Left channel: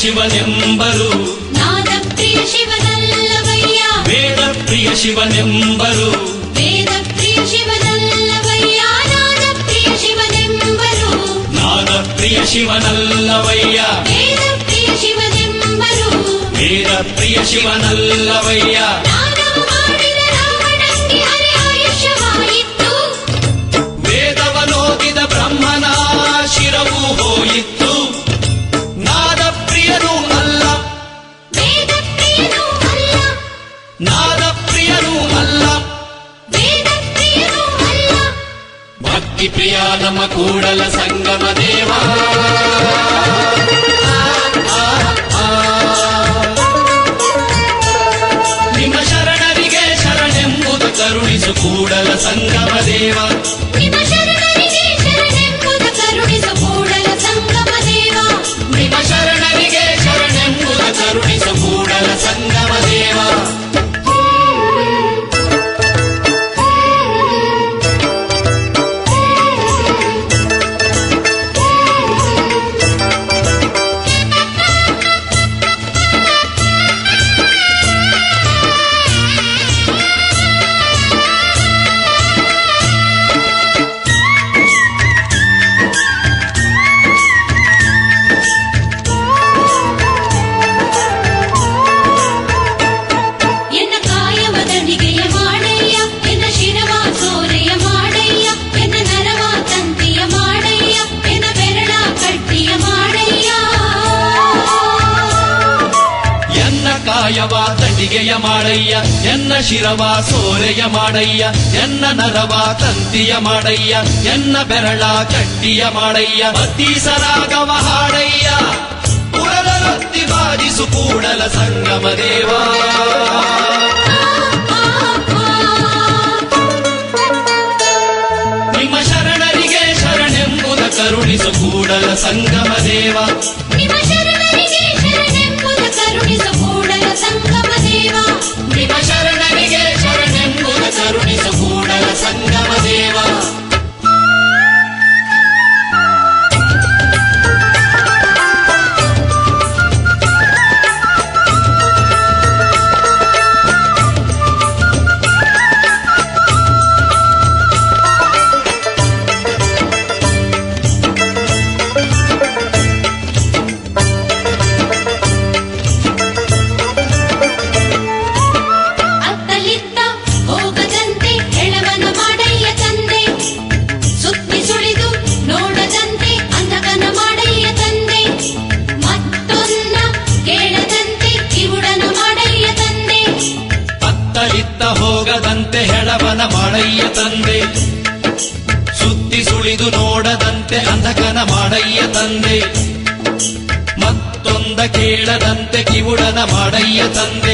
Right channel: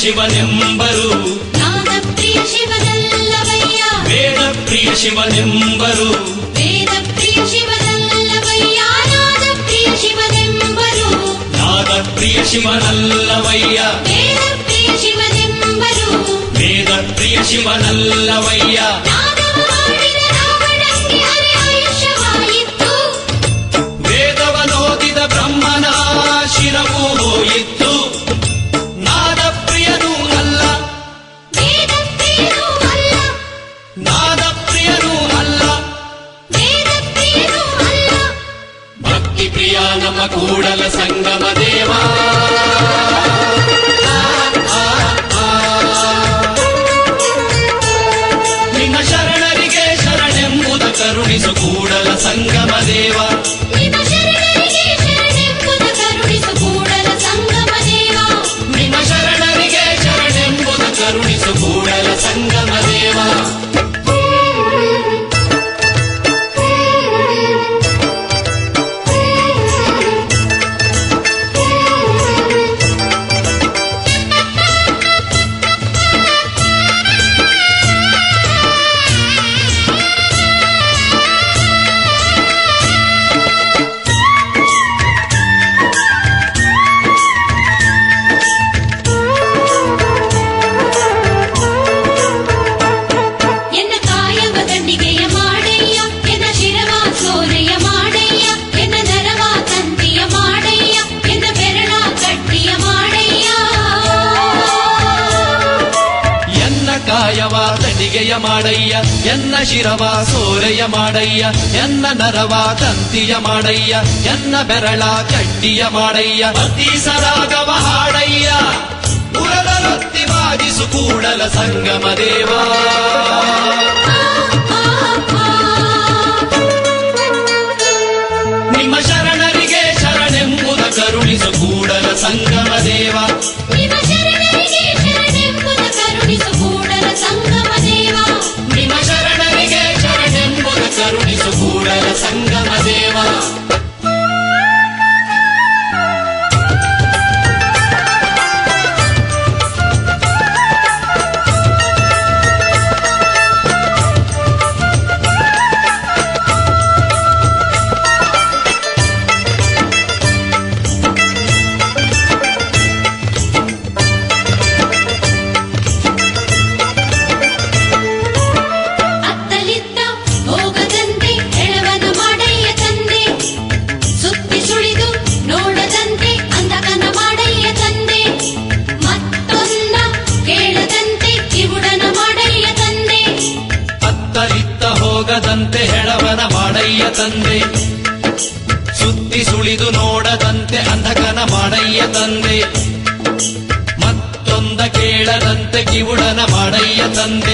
ಶಿವನೆಂಬರು ನಾದಪ್ರಿಯ ಶಿವನಲ್ಲವಯ್ಯ ವೇದಪ್ರಿಯ ಶಿವನೆಂಬರು ವೇದಪ್ರಿಯ ಶಿವನಲ್ಲವಯ್ಯ ನಾದಪ್ರಿಯ ಶಿವನೆಂಬರು ನಾದಪ್ರಿಯ ಶಿವನಲ್ಲವಯ್ಯ ವೇದಪ್ರಿಯ ಶಿವನೆಂಬರು ವೇದಪ್ರಿಯ ಶಿವನಲ್ಲವಯ್ಯ ನಾದವ ಮಾಡಿದ ರಾವಣಂಗೆ ಅರೆ ಆಯುಷ್ಯವಾಯಿತು ವೇದವನೋದಿದ ಬ್ರಹ್ಮನ ಶಿರವು ಹೋಯಿತು ನಾದಪ್ರಿಯನೂ ಅಲ್ಲ ವೇದಪ್ರಿಯನೂ ಅಲ್ಲ ನಾದಪ್ರಿಯನೂ ಅಲ್ಲ ವೇದಪ್ರಿಯನೂ ಅಲ್ಲ ಭಕ್ತಿ ಪ್ರಿಯ ನಮ್ಮ ಕೂಡಲ ಸಂಗಮ ದೇವ ನಿಮ್ಮ ಶರಣರಿಗೆ ಶರಣೆಂಬುದು ಕರುಣಿಸು ಕೂಡಲ ಸಂಗಮ ದೇವ ನಿಮ್ಮ ಶರಣರಿಗೆ ಶರಣೆಂಬುದು ಕರುಣಿಸು ಕೂಡಲ ಸಂಗಮ ದೇವ ನಿಮ್ಮ ಶರಣರಿಗೆ ಶರಣೆಂಬುದು ಕರುಣಿಸು ಕೂಡಲ ಸಂಗಮ ದೇವ ಎನ್ನ ಕಾಯವ ದಂಡಿಗೆಯ ಮಾಡಯ್ಯ ಎನ್ನ ಶಿರವ ಸೋರೆಯ ಮಾಡಯ್ಯ ಎನ್ನ ನರವ ತಂತಿಯ ಮಾಡಯ್ಯ ಎನ್ನ ಬೆರಳ ಕಟ್ಟಿಯ ಮಾಡಯ್ಯ ಎನ್ನ ಕಾಯವ ತಟಿಗೆಯ ಮಾಡಯ್ಯ ಎನ್ನ ಶಿರವ ಸೋರೆಯ ಮಾಡಯ್ಯ ಎನ್ನ ನರವ ತಂತಿಯ ಮಾಡಯ್ಯ ಎನ್ನ ಬೆರಳ ಕಟ್ಟಿಯ ಮಾಡಯ್ಯ ಅತೀಸರಾಗವ ಹಾಡಯ್ಯ ಪುರದರೊತ್ತಿ ಬಾಜಿಸು ಕೂಡಲ ಸಂಗಮ ದೇವ ನಿಮ್ಮ ಶರಣರಿಗೆ ಶರಣೆಂಬುದ ಕರುಣಿಸು ಕೂಡಲ ಸಂಗಮ ದೇವ ನಿಮ್ಮ ಶರಣರಿಗೆ ಶರಣೆಂಬುದ ಕರುಣಿಸು ಕೂಡಲ ಸಂಗಮ ದೇವ ನಿಮ್ಮ ಶರಣರಿಗೆ ಶರಣೆಂಬುದ ಕರುಣಿಸು ಕೂಡಲ ಸಂಗಮ ದೇವ ಅತ್ತಲಿತ್ತ ಹೋಗದಂತೆ ಎಳವನ ಮಾಡಯ್ಯ ತಂದೆ ಸುತ್ತಿ ಸುಳಿದು ನೋಡದಂತೆ ಅಂಧಕನ ಮಾಡಯ್ಯ ತಂದೆ ಮತ್ತೊಂದ ಕೇಳದಂತೆ ಕಿವುಡನ ಮಾಡಯ್ಯ ತಂದೆ ಅತ್ತಲಿತ್ತ ಹೋಗದಂತೆ ಹೆಳವನ ಮಾಡಯ್ಯ ತಂದೆ ಸುತ್ತಿ ಸುಳಿದು ನೋಡದಂತೆ ಅಂಧಕನ ಮಾಡಯ್ಯ ತಂದೆ ಮತ್ತೊಂದ ಕೇಳದಂತೆ ಕಿವುಡನ ಮಾಡಯ್ಯ ತಂದೆ